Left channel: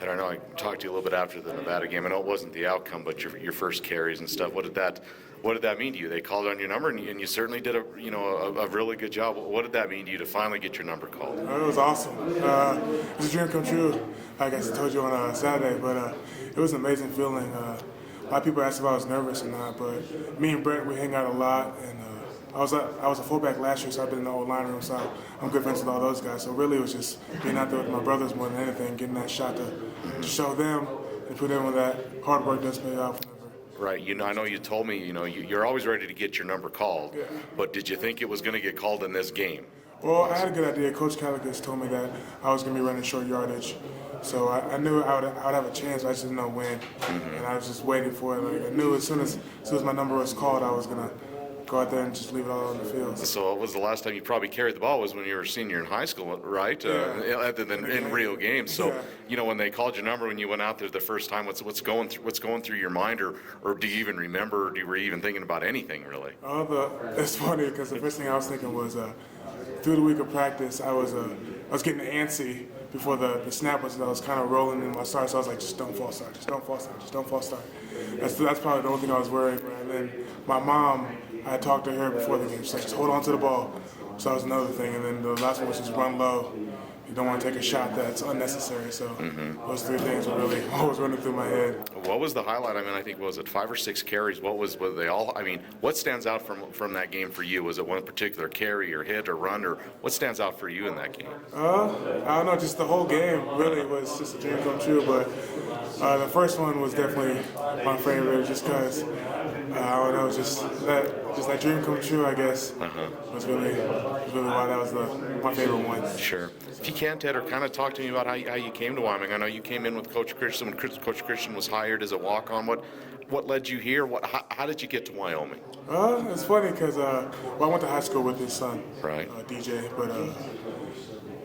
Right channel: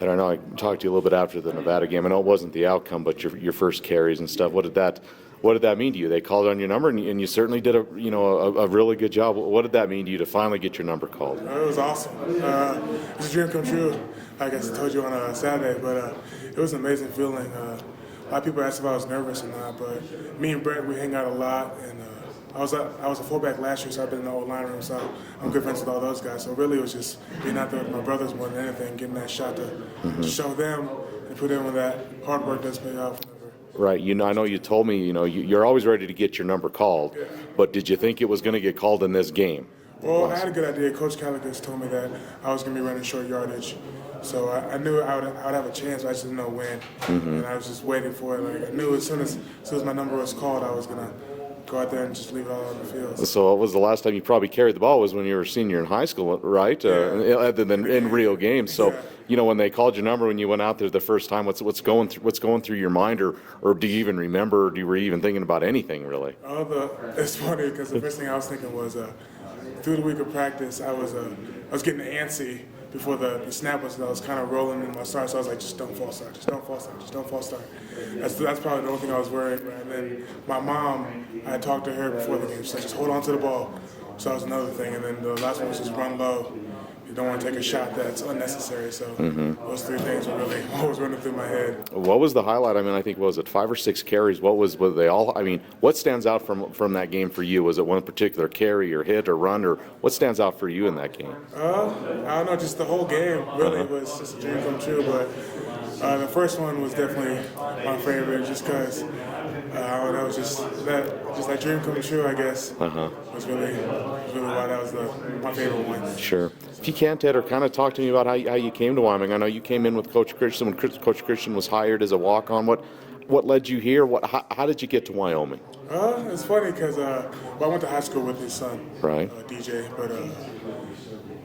And I know I talked to you a little bit after the Nevada game. I know it wasn't the outcome, but your first carries and stuff. What did that mean to you? They called on your number, and you certainly did a really good job. What did that mean to you to finally get your number called? It was awesome. It was a dream come true. Like I told you on Saturday, but it was an amazing feeling. A lot of people asked if I was nervous or not, but me and Brent, we hang out a lot, and I was a fullback last year, so I've been in the old line room, so I'm good friends with all those guys. So really, it was just being out there with my brothers more than anything, getting that shot to show them and put in with that hard work that's paid off. Right. I know you told me, you're always ready to get your number called, but did you think it was going to get called in this game? Well, I had a good idea. Coach Callaghan told me that I was going to be running short yardage. So I knew I would have a chance, I just didn't know when. And I was just waiting for it. Like, I knew as soon as my number was called, I was going to go out there and just leave it all on the field. So what was the last time you probably carried the ball was when you were a senior in high school, right? Other than in real games. So, when they called your number when you went out there the first time, what's going through your mind, or do you even remember, or were you even thinking about anything really? It's funny because the first thing I was thinking was through the week of practice, I was getting antsy before the snap was. I was kind of rolling in my start, so I was like, just don't false start, just don't false start, just don't false start. That's probably the only thing I was worried about. And then my mom, I talked to her before the game. She's like, just hold on to the ball. So that was another thing. And then the last one was just run low. You don't want to take a shot that's unnecessary. So those 3 things were really always running through my head. What was the highlight? I mean, I think, was it 5 or 6 carries? Were they all? I mean, what stands out from that game for you? Was it one particular carry or hit or run, or what stands out for you in that game? I don't know, just the whole game really was just a dream come true. But the first one was definitely my favorite, just because I don't know, just that dream come true, I guess. Was really why that was my favorite one. Sure. If you can, Tedder, kind of talk to me about how you came to Wyoming. I know you came in with Coach Christian when Coach Christian was hired as a walk-on. What led you here? How did you get to Wyoming? It's funny because I went to high school with his son, right? DJ, but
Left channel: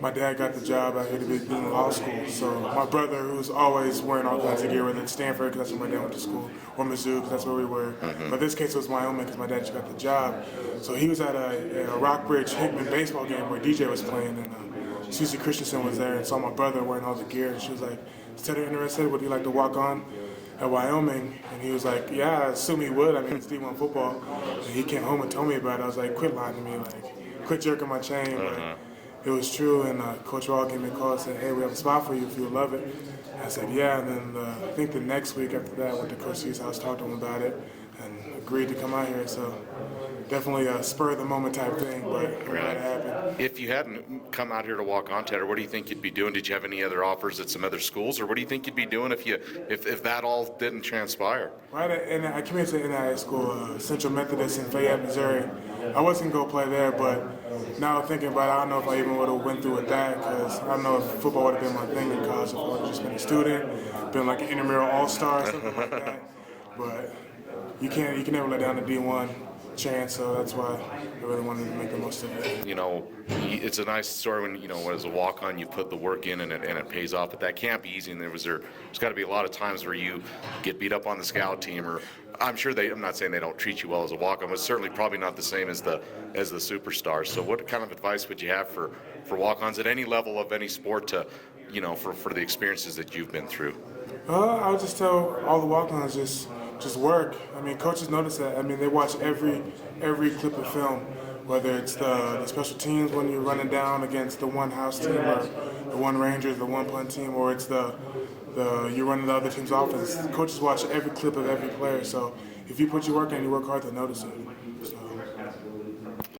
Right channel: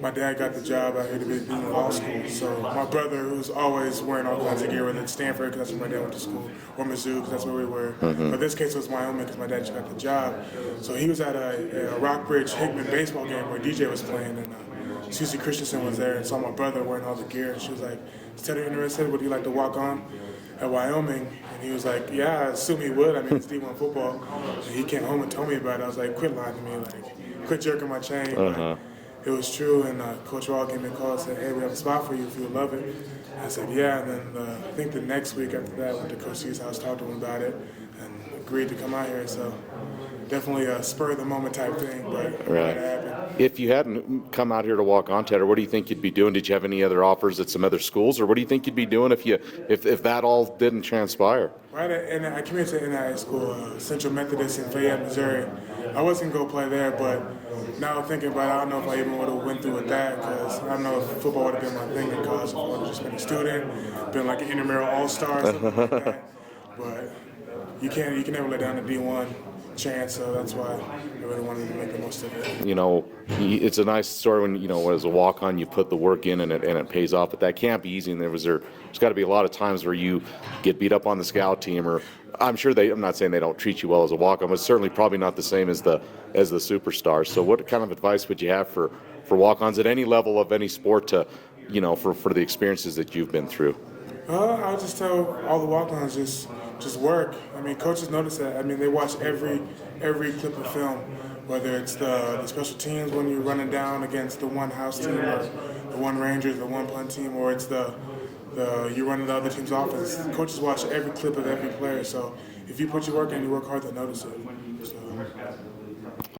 my dad got the job at Indiana Law School. So my brother, who's always wearing all kinds of gear, whether it's Stanford, because that's where my dad went to school, or Mizzou, because that's where we were. But this case was Wyoming, because my dad just got the job. So he was at a Rockbridge Hickman baseball game where DJ was playing, and Susie Christensen was there and saw my brother wearing all the gear, and she was like, "Is Tedder interested? Would he like to walk on at Wyoming?" And he was like, "Yeah, I assume he would. I mean, it's D1 football." And he came home and told me about it. I was like, "Quit lying to me, like, quit jerking my chain." It was true, and Coach Hall gave me a call and said, "Hey, we have a spot for you if you would love it." I said, "Yeah," and then I think the next week after that, I went to Coach C's house, talked to him about it, and agreed to come out here. So definitely a spur of the moment type thing, but right. It happened. If you hadn't come out here to walk on, Tedder, what do you think you'd be doing? Did you have any other offers at some other schools, or what do you think you'd be doing if that all didn't transpire? Right, and I came into NIA school, Central Methodist in Fayette, Missouri. I wasn't going to play there, but now thinking about it, I don't know if I even would have went through with that, because I don't know if football would have been my thing in college. If I would have just been a student, been like an intramural all-star, something like that. But you can never let down the D1 chance, so that's why I really wanted to make the most of it. It's a nice story when, as a walk-on, you put the work in and it pays off, but that can't be easy, and there's got to be a lot of times where you get beat up on the scout team, or I'm not saying they don't treat you well as a walk-on, but it's certainly probably not the same as the superstars. So what kind of advice would you have for walk-ons at any level of any sport to, for the experiences that you've been through? I would just tell all the walk-ons just work. I mean, coaches notice that. I mean, they watch every clip of film, whether it's the special teams when you're running down against the one house team, or the one Rangers, the one punt team, or it's you're running the other team's offense. Coaches watch every clip of every player. So if you put your work in, you work hard, to notice it. So.